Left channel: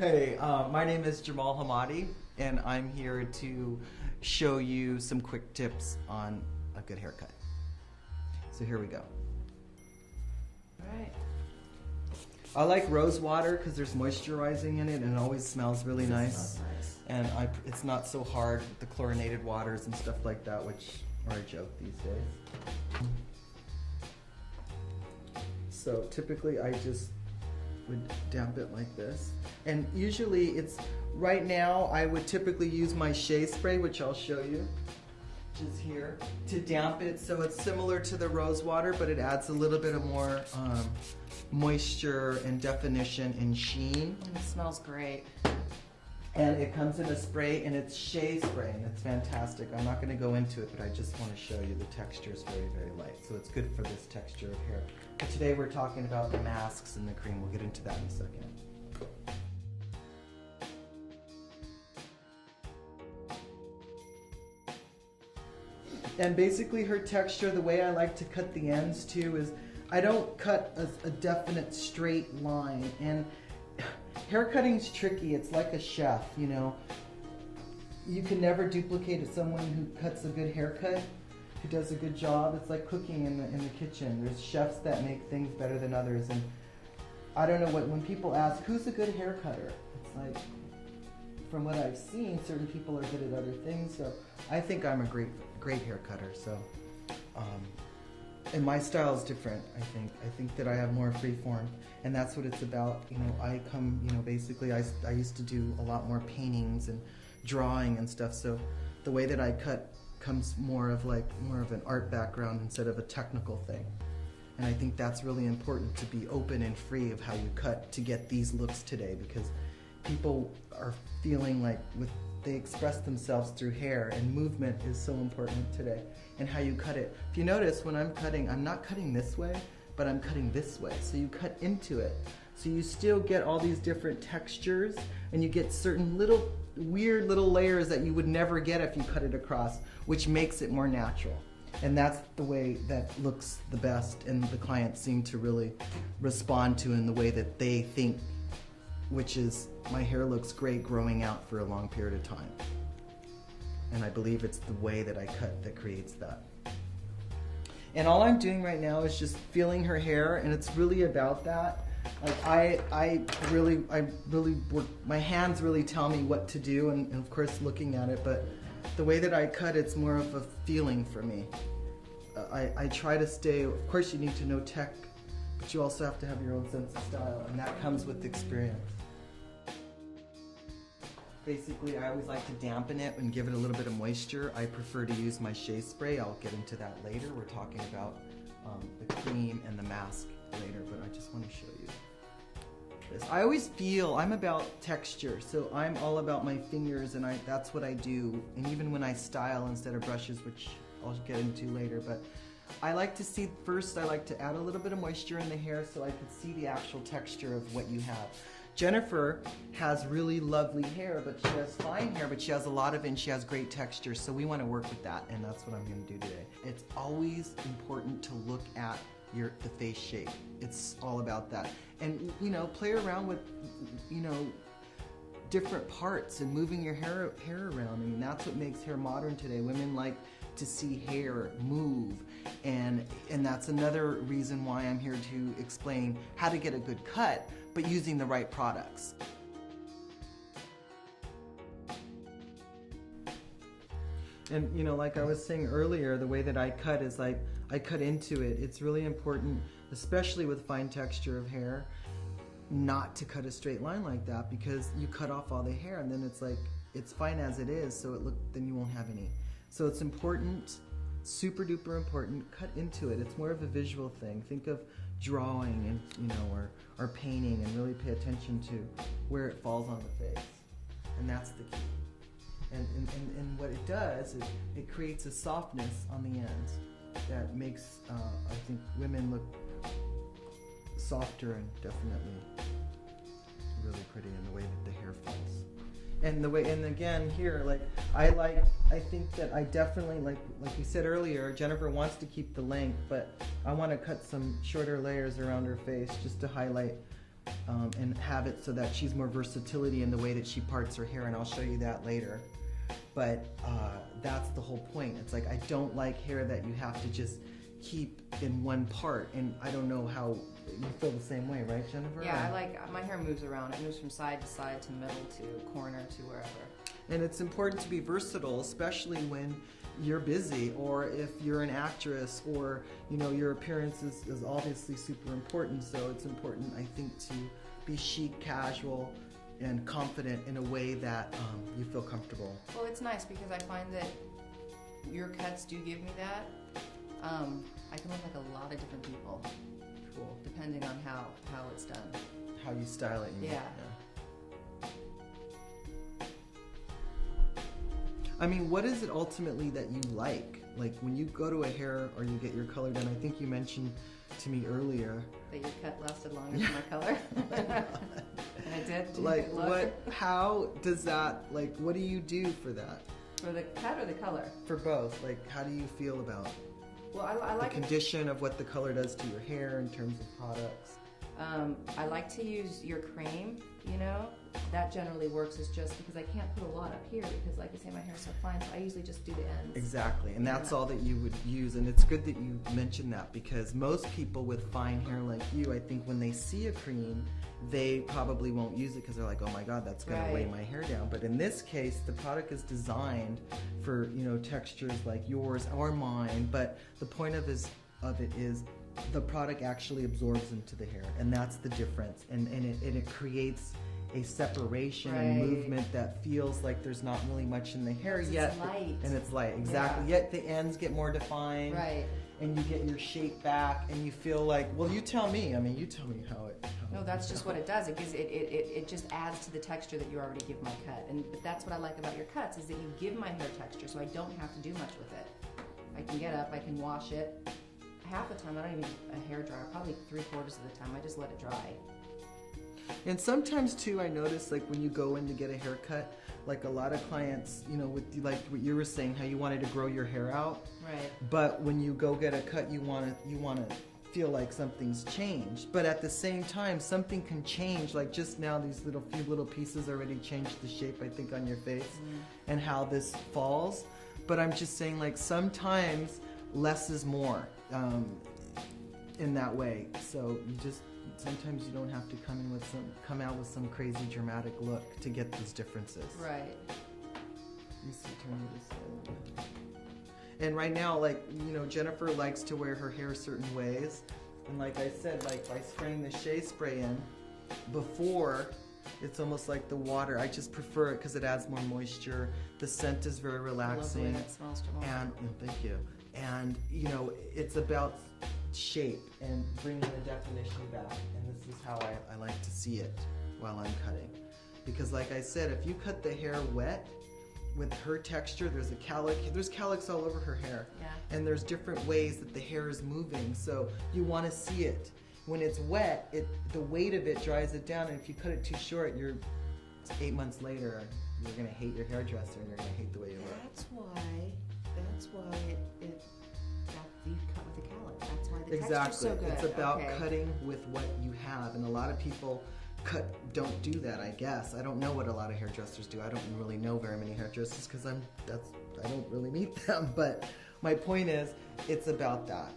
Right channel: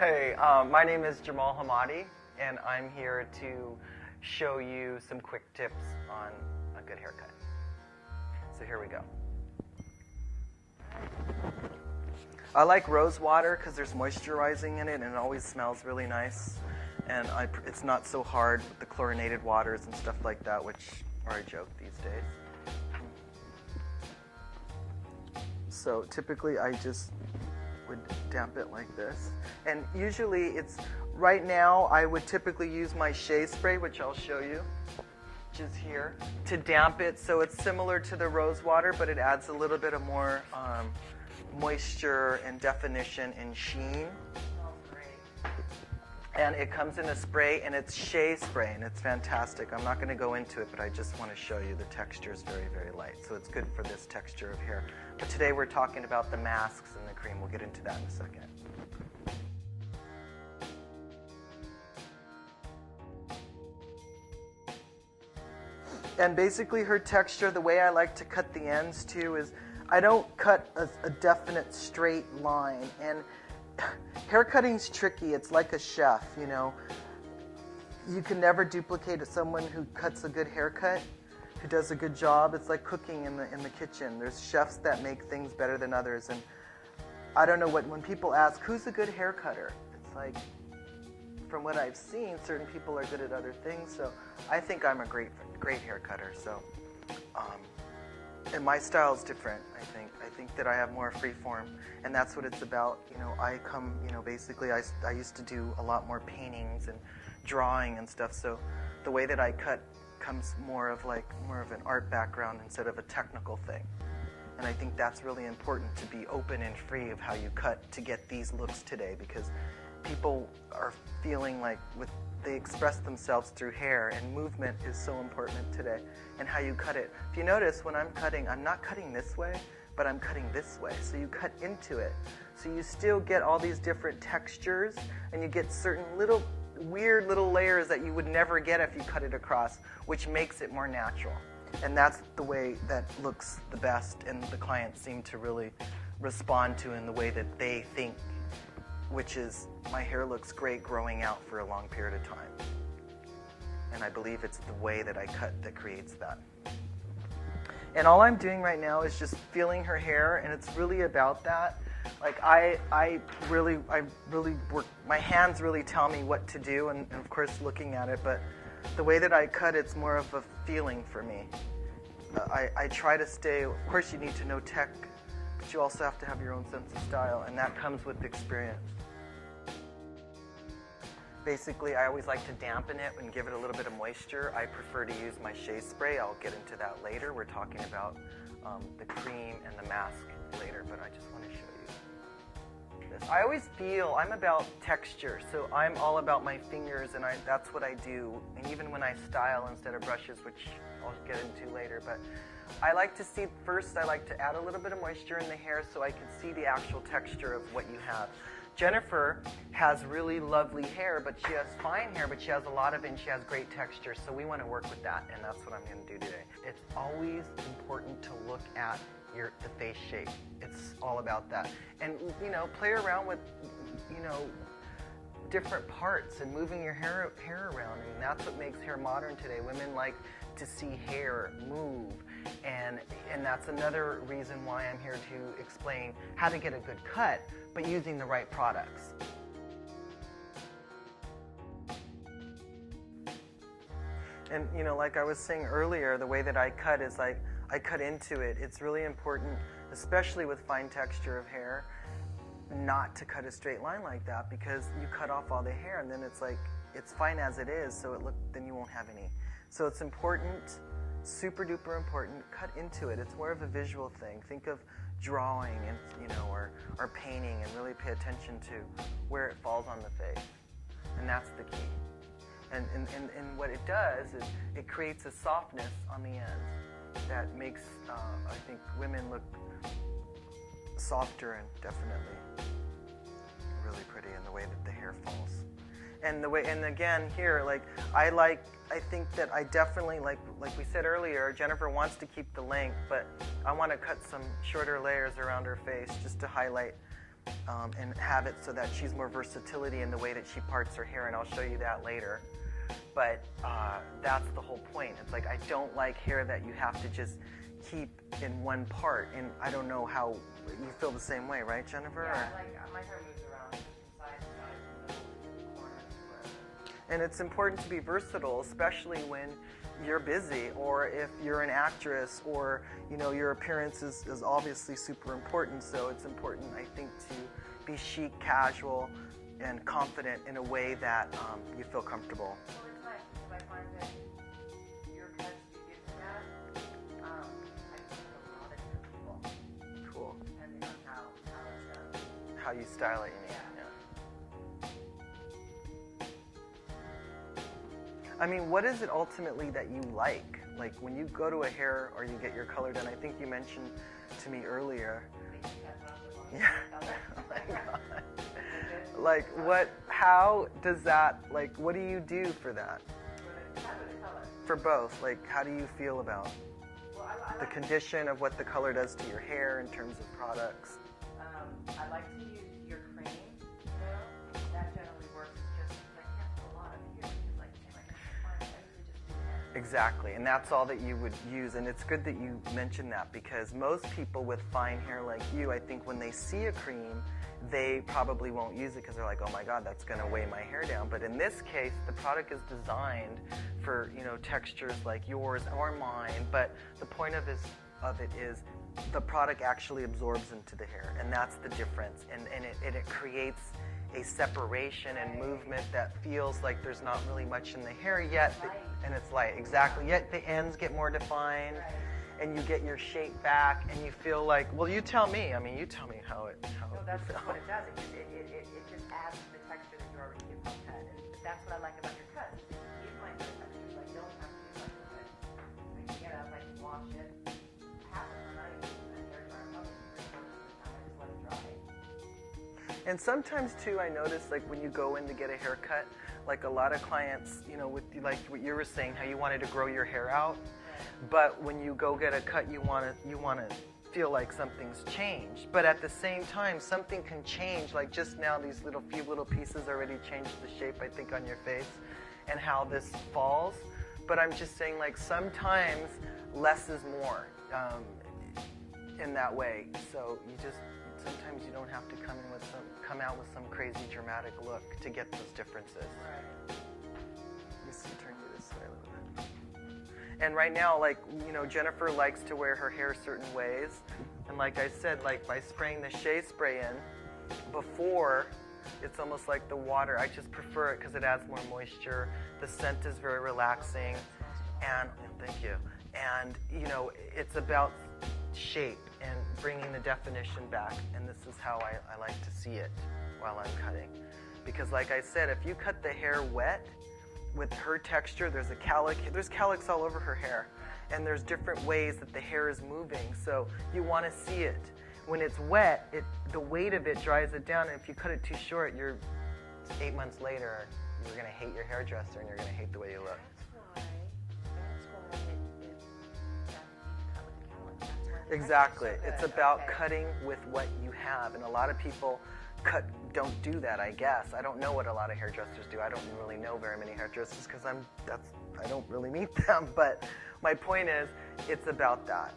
Hey, my name is Jamal Hammadi, and I'm here to show you some quick tips on a good haircut. So here we go. I like rose water because there's moisturizing in it and it always smells really nice. And it's not so hard with the chlorinated waters and stuff like that, which are a joke these days. So typically I just would damp it like this. And usually it's, right now I would typically use my shea spray, which I'll show you, just here, to damp it so it's similar to the rose water, but it adds a little bit of more moisture and definition and sheen. It smells great. And it comes in a spray, and it's shea spray, and it's fantastic. I'm not going to go into it, but I just want to show you the texture is very, very light. So it's good for this texture of hair. But today we're talking about the masks and the cream. We'll get into that in a second. And basically her texture, the way I like to cut the ends too, is I don't cut a definite straight line. And hair cutting's tricky. It's like a chef, you know. You can never duplicate someone who cuts a good haircut, who does a good job. It's like cooking in the kitchen. There's chefs that make things better than others. And I don't know when people ask, who's a good hair cutter? It's like, from what I've seen, certain people are good at other things. So I think I'm a great hair cutter. So, and my style is different, I think. I think that I have more free form, and that's what it's about. You know, I come, you know, basically I used to do a lot more paintings and drawing and stuff, so the way that I cut comes more of an art background instead of a technical thing. And I think that's really important, to be open and free of how you cut to get these looks today, because people are feeling like they express themselves through hair, and movement is so important today, and how you cut it. If you notice, when I'm cutting, I'm not cutting this way, but I'm cutting this way. So you cut into it. So you still get all these different textures, and you get certain little weird little layers that you would never get if you cut it across, which makes it more natural. And that's the way that looks the best, and the clients seem to really respond to in the way that they think, which is, my hair looks great growing out for a long period of time. And I believe it's the way that I cut that creates that. And all I'm doing right now is just feeling her hair, and it's really about that. Like I really work, my hands really tell me what to do, and of course looking at it, but the way that I cut, it's more of a feeling for me. I try to stay, of course you need to know tech, but you also have to have your own sense of style, and that comes with experience. Basically, I always like to dampen it and give it a little bit of moisture. I prefer to use my shea spray. I'll get into that later. We're talking about the cream and the mask later, but I just want to show you this. I always feel, I'm about texture, so I'm all about my fingers, and that's what I do. And even when I style instead of brushes, which I'll get into later, but I like to see, first I like to add a little bit of moisture in the hair so I can see the actual texture of what you have. Jennifer has really lovely hair, but she has fine hair, but she has a lot of it, and she has great texture, so we want to work with that, and that's what I'm going to do today. It's always important to look at the face shape. It's all about that. And, you know, play around with, you know, different parts and moving your hair around. I mean, that's what makes hair modern today. Women like to see hair move, and that's another reason why I'm here to explain how to get a good cut, but using the right products. And you know, like I was saying earlier, the way that I cut is like I cut into it. It's really important, especially with fine texture of hair, not to cut a straight line like that, because you cut off all the hair and then it's like, it's fine as it is, so then you won't have any. So it's important, super duper important, cut into it. It's more of a visual thing. Think of drawing and, you know, or painting, and really pay attention to where it falls on the face. And that's the key. And what it does is it creates a softness on the ends that makes, I think, women look softer and definitely really pretty in the way that the hair falls. And again here, like I think that I definitely, like we said earlier, Jennifer wants to keep the length, but I want to cut some shorter layers around her face just to highlight and have it so that she's more versatility in the way that she parts her hair, and I'll show you that later. But that's the whole point. It's like I don't like hair that you have to just keep in one part, and I don't know how you feel the same way, right, Jennifer? Yeah, I like my hair moves around. It moves from side to side to middle to corner to wherever. And it's important to be versatile, especially when you're busy, or if you're an actress, or your appearance is obviously super important. So it's important, I think, to be chic, casual, and confident in a way that you feel comfortable. Well, it's nice because I find that your cuts do give me that. I can look like a lot of different people. Cool. Depending on how it's done. How you style it. Yeah. I mean, what is it ultimately that you like? Like when you go to a hair or you get your color done, I think you mentioned to me earlier. That your cut lasted longer than my color? Oh my God. I did. Like how does that, like what do you do for that? For the cut or the color? For both. Like how do you feel about I like the condition of what the color does to your hair in terms of products? I like to use your cream, That generally works as just because I can't put a lot up here because, like I say, my hair's so fine, so I usually just do the ends. Exactly, and that's all that you would use, and it's good that you mentioned that because most people with fine hair like you, I think when they see a cream, they probably won't use it because they're like, oh my God, that's going to weigh my hair down. But in this case, the product is designed for, textures like yours or mine, but the point of it is the product actually absorbs into the hair, and that's the difference, and it creates a separation and movement that feels like there's not really much in the hair yet, and it's light, exactly. Yet the ends get more defined, and you get your shape back, and you feel like, well, you tell me. I mean, you tell me how it. No, that's just what it does. It just adds to the texture that you already give my cut, and that's what I like about your cuts is that you give my hair texture, so I don't have to do much with it. I can get up, I can wash it. Half the time, I don't even use a hair dryer. Probably 3/4 of the time, I just let it dry. And sometimes too, I notice like when you go in to get a haircut, like a lot of clients, with like what you were saying, how you wanted to grow your hair out, but when you go get a cut, you want to feel like something's changed. But at the same time, something can change. Like just now, these few little pieces already changed the shape, I think, on your face, and how this falls. But I'm just saying, like sometimes less is more in that way. So sometimes you don't have to come out with some crazy dramatic look to get those differences. Right. You see, turn you this way a little bit. And right now, like, Jennifer likes to wear her hair certain ways. And like I said, like by spraying the shea spray in before, it's almost like the water. I just prefer it because it adds more moisture. The scent is very relaxing. It smells, Jamal. And thank you. And, it's about shape and bringing the definition back, and this is how I like to see it while I'm cutting. Because like I said, if you cut the hair wet with her texture, there's cowlicks all over her hair, and there's different ways that the hair is moving, so you want to see it. When it's wet, the weight of it dries it down, and if you cut it too short, 8 months later, you're going to hate your hairdresser and you're going to hate the way you look. That's why Exactly. So it's about cutting with what you have, and a lot of people don't do that, I guess. I don't know what a lot of hairdressers do. I don't really know very many hairdressers because I don't really meet them. But my point is, it's about that.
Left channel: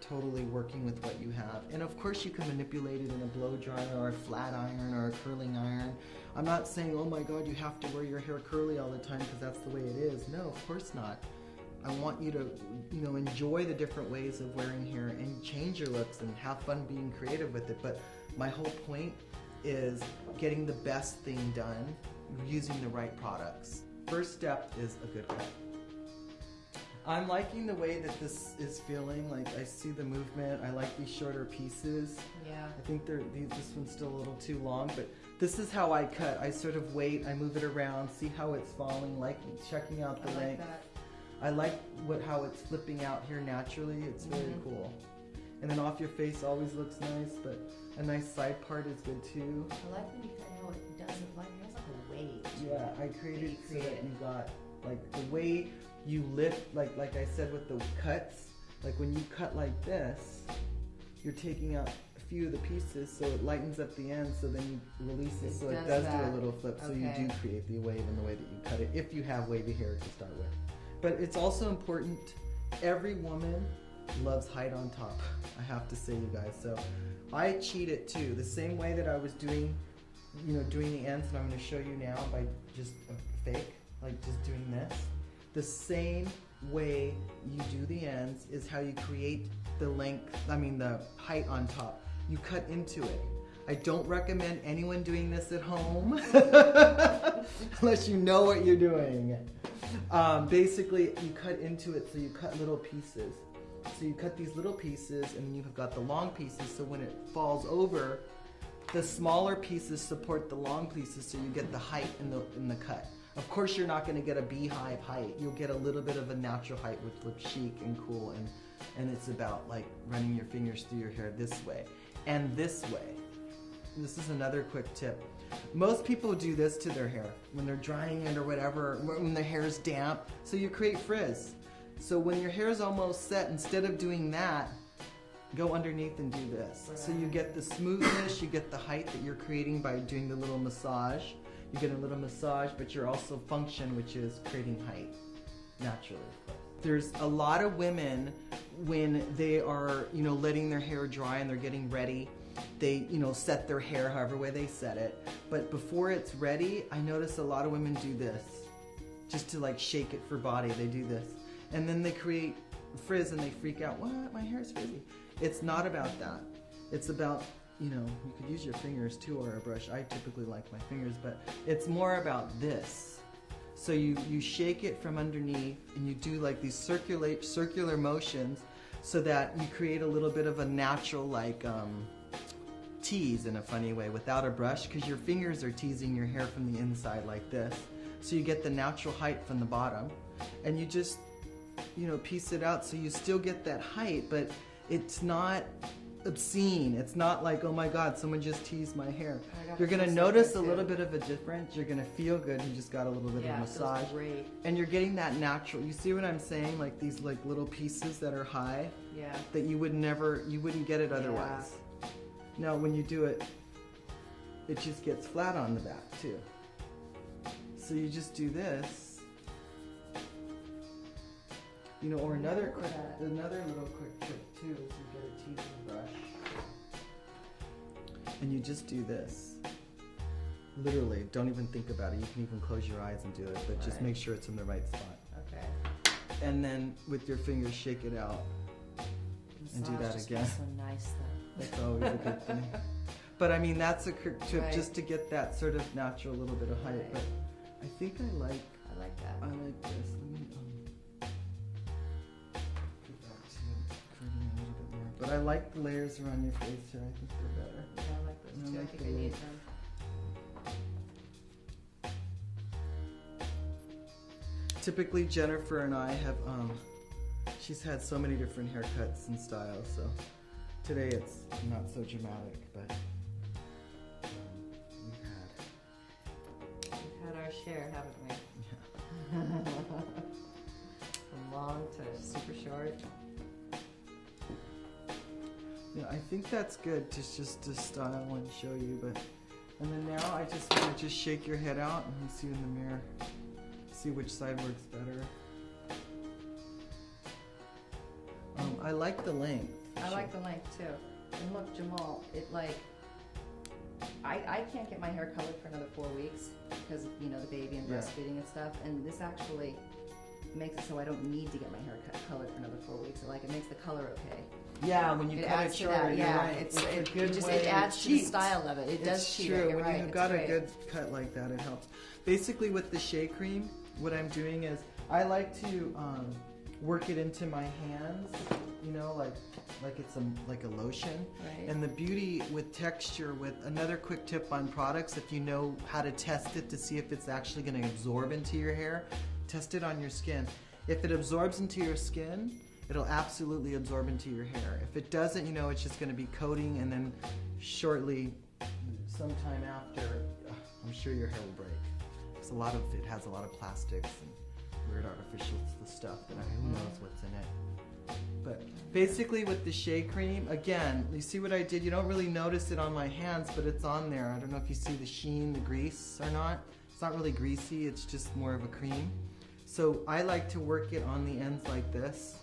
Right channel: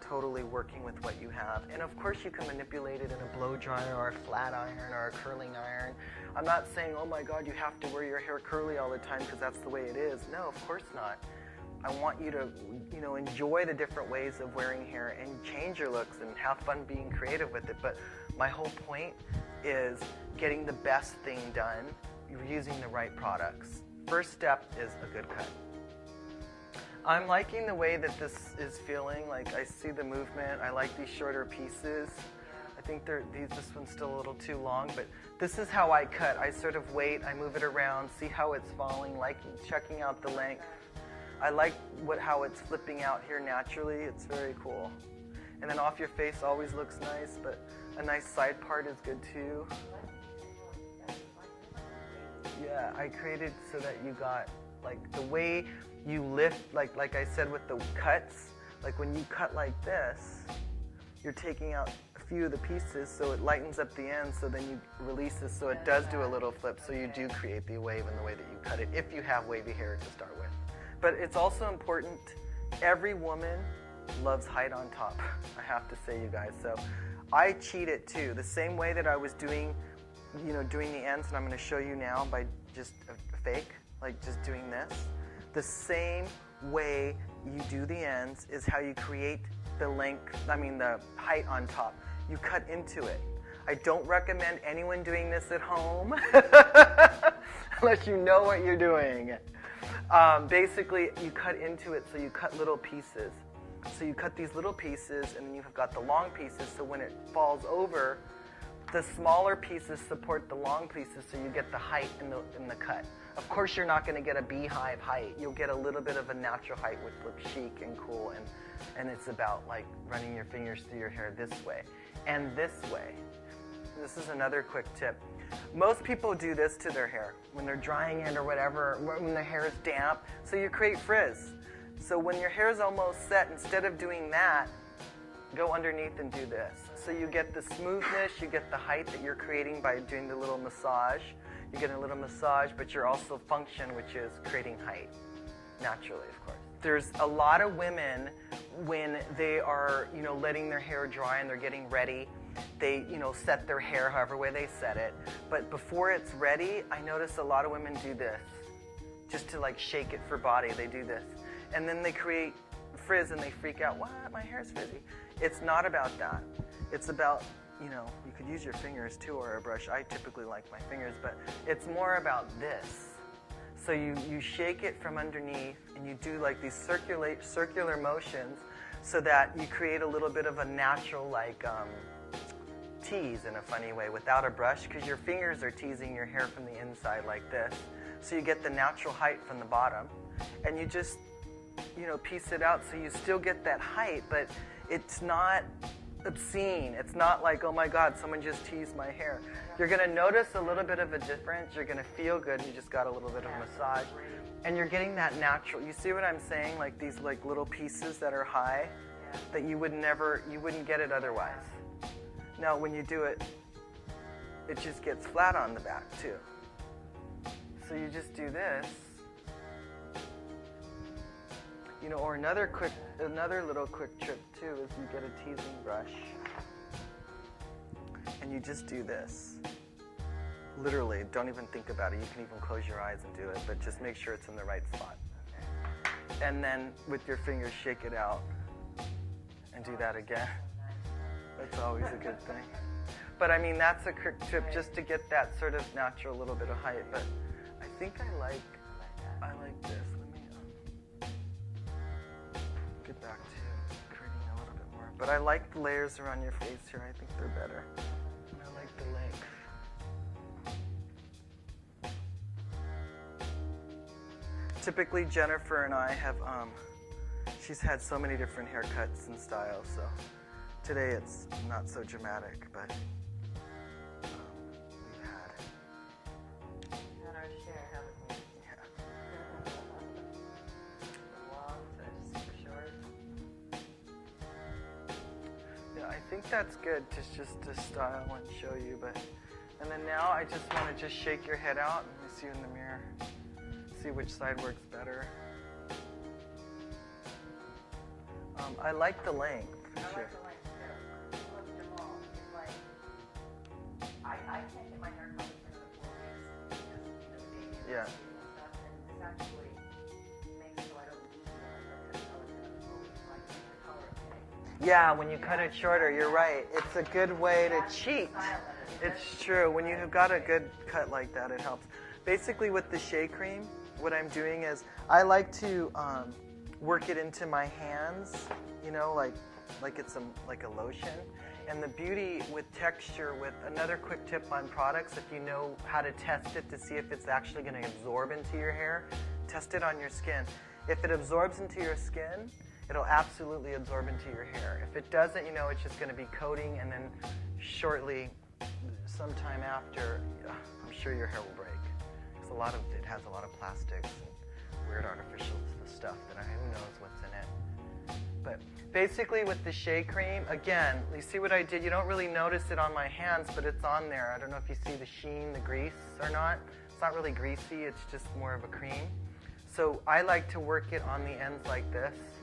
Totally working with what you have. And of course you can manipulate it in a blow dryer or a flat iron or a curling iron. I'm not saying, oh my God, you have to wear your hair curly all the time because that's the way it is. No, of course not. I want you to, enjoy the different ways of wearing hair and change your looks and have fun being creative with it. But my whole point is getting the best thing done, using the right products. First step is a good cut. I'm liking the way that this is feeling. Like I see the movement. I like these shorter pieces. Yeah. I think this one's still a little too long, but this is how I cut. I sort of wait, I move it around, see how it's falling, like checking out the length. I like how it's flipping out here naturally. It's very cool. And then off your face always looks nice, but a nice side part is good too. I like when you kind of it doesn't like this weight. Yeah, I created so that you got like the way you lift, like I said with the cuts, like when you cut like this, you're taking out few of the pieces so it lightens up the end, so then you release this so it does do a little flip, so you do create the wave in the way that you cut it, if you have wavy hair to start with. But it's also important, every woman loves height on top, I have to say, you guys. So I cheat it too, the same way that I was doing, doing the ends, and I'm going to show you now by just a fake, like just doing this. The same way you do the ends is how you create the length, the height on top. You cut into it. I don't recommend anyone doing this at home unless you know what you're doing. Basically, you cut into it, so you cut little pieces. So you cut these little pieces, and then you've got the long pieces, so when it falls over, the smaller pieces support the long pieces, so you get the height in the cut. Of course, you're not going to get a beehive height. You'll get a little bit of a natural height, which looks chic and cool, and it's about like running your fingers through your hair this way and this way. This is another quick tip. Most people do this to their hair when they're drying it or whatever, when their hair is damp, so you create frizz. So when your hair is almost set, instead of doing that, go underneath and do this. So you get the smoothness, you get the height that you're creating by doing the little massage. You get a little massage, but you're also function, which is creating height, naturally, of course. There's a lot of women, when they are, letting their hair dry and they're getting ready, they, set their hair however way they set it. But before it's ready, I notice a lot of women do this, just to like shake it for body. They do this. And then they create frizz and they freak out, what, my hair's frizzy. It's not about that. It's about, you could use your fingers too, or a brush. I typically like my fingers, but it's more about this. So you shake it from underneath and you do like these circular motions so that you create a little bit of a natural tease in a funny way without a brush, because your fingers are teasing your hair from the inside like this. So you get the natural height from the bottom, and you just, piece it out so you still get that height, but it's not obscene. It's not like, oh my God, someone just teased my hair. You're going to notice a little bit of a difference. You're going to feel good. You just got a little bit of massage. And you're getting that natural. You see what I'm saying? Like these little pieces that are high that you wouldn't get it otherwise. Now when you do it, it just gets flat on the back too. So you just do this. Or another little quick trick too is you get a teasing brush and you just do this. Literally, don't even think about it. You can even close your eyes and do it, but just make sure it's in the right spot. Okay. And then with your fingers, shake it out and do that again. So nice, that's always a good thing. But that's a quick tip just to get that sort of natural little bit of height. But I think I like that. I like this. But I like the layers around your face here. I think they're better. I like the length. Typically, Jennifer and I have, she's had so many different haircuts and styles, so today it's not so dramatic, but we've had our share, haven't we? Yeah. From long to super short. Yeah, I think that's good just to style and show you, and then now I just want to just shake your head out and you see in the mirror, see which side works better. I like the length. I like the length too. And look, Jamal, I can't get my hair colored for another 4 weeks because of, the baby and breastfeeding and stuff, and this actually makes it so I don't need to get my hair colored for another 4 weeks. It makes the color okay. Yeah, when you cut it shorter, you're right. It's a good way to cheat. The style of it. It's true. When you have got a good cut like that, it helps. Basically, with the shea cream, what I'm doing is I like to work it into my hands, like it's like a lotion. Right. And the beauty with texture, with another quick tip on products, if you know how to test it to see if it's actually going to absorb into your hair, test it on your skin. If it absorbs into your skin, it'll absolutely absorb into your hair. If it doesn't, it's just going to be coating, and then shortly, sometime after, I'm sure your hair will break. Because it has a lot of plastics and weird artificial stuff that who knows what's in it. But Basically with the shea cream, again, you see what I did? You don't really notice it on my hands, but it's on there. I don't know if you see the sheen, the grease or not. It's not really greasy, it's just more of a cream. So I like to work it on the ends like this.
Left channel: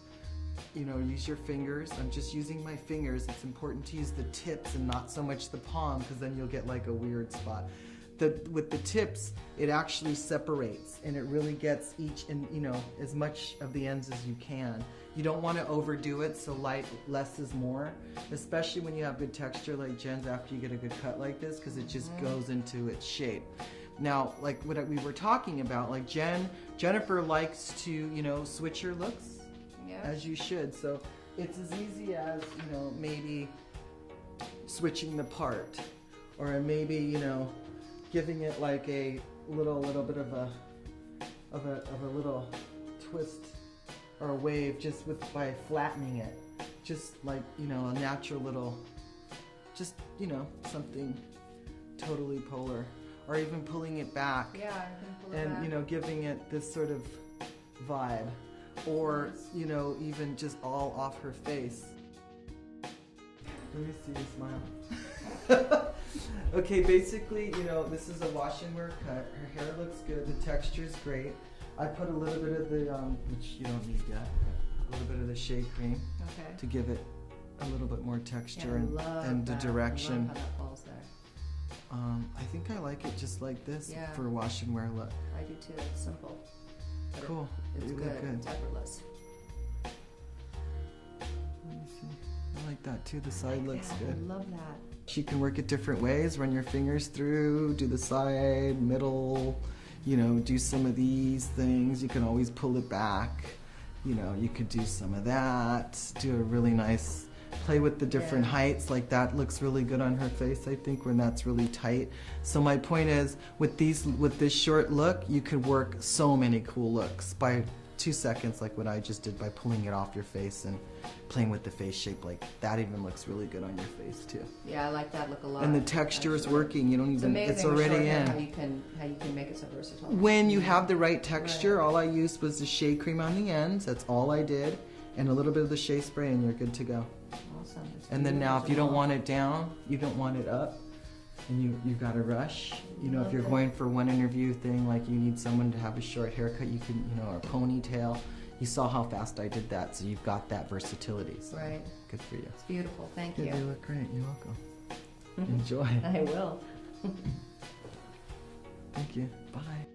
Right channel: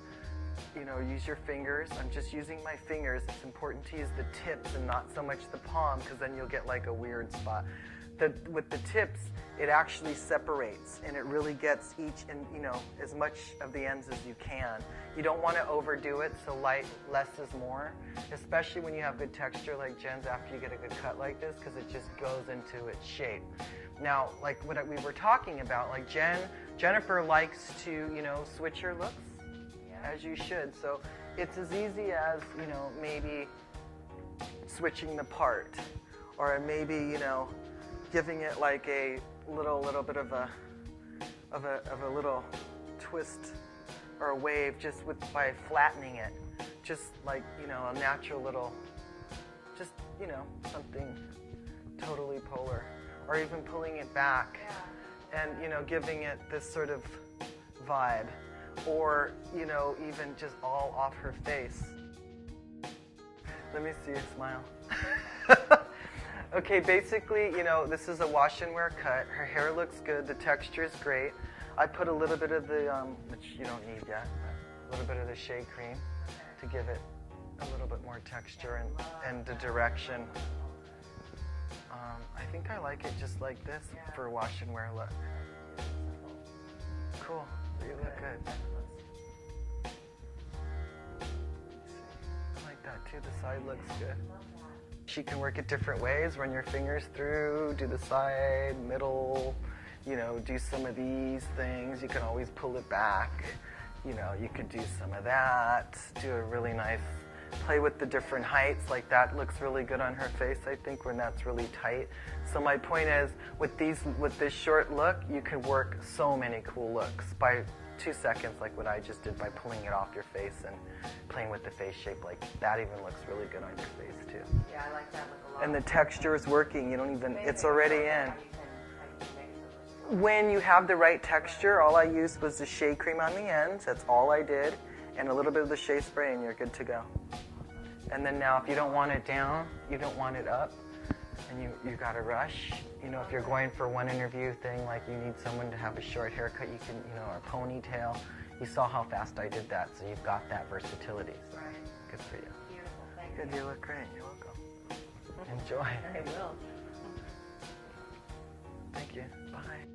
You know, use your fingers. I'm just using my fingers. It's important to use the tips and not so much the palm, because then you'll get like a weird spot. With the tips, it actually separates and it really gets each, in, you know, as much of the ends as you can. You don't want to overdo it, so less is more, especially when you have good texture like Jen's after you get a good cut like this, because it just goes into its shape. Now, like what we were talking about, like Jennifer likes to, you know, switch her looks, as you should. So it's as easy as, you know, maybe switching the part, or maybe, you know, giving it like a little bit of a little twist or a wave just by flattening it, just like, you know, a natural little, just, you know, something totally polar, or even pulling it back, and you know, giving it this sort of vibe, or you know, even just all off her face. Let me see you smile. Okay, basically, you know, this is a wash and wear cut. Her hair looks good. The texture is great. I put a little bit of the, which you don't need yet, a little bit of the shea cream to give it a little bit more texture and the direction. I think I like it just like this for a wash and wear look. I do too. It's simple. Cool. It's You good. look good. It's effortless. Let me see. I like that too. The side looks good. I love that. She can work it different ways, run your fingers through, do the side, middle, you know, do some of these things. You can always pull it back. You know, you could do some of that, do a really nice, play with the different heights, like that looks really good on her face, I think, when that's really tight. So my point is, with this short look, you could work so many cool looks by 2 seconds, like what I just did by pulling it off your face and playing with the face shape. Like that even looks really good on your face too. Yeah, I like that look a lot. And the texture is working. You don't even, it's amazing already how in. you can make it so versatile. When you have the right texture, all I used was the shea cream on the ends. That's all I did, and a little bit of the shea spray, and you're good to go. Awesome. And then now, if you don't want it down, you don't want it up, and you got to rush. You know, if you're going for one interview thing, like you need someone to have a short haircut, you can, you know, or a ponytail. You saw how fast I did that, so you've got that versatility. So Right. good for you. It's beautiful. Thank you. You look great. You're welcome. Enjoy. I will. Thank you. Bye.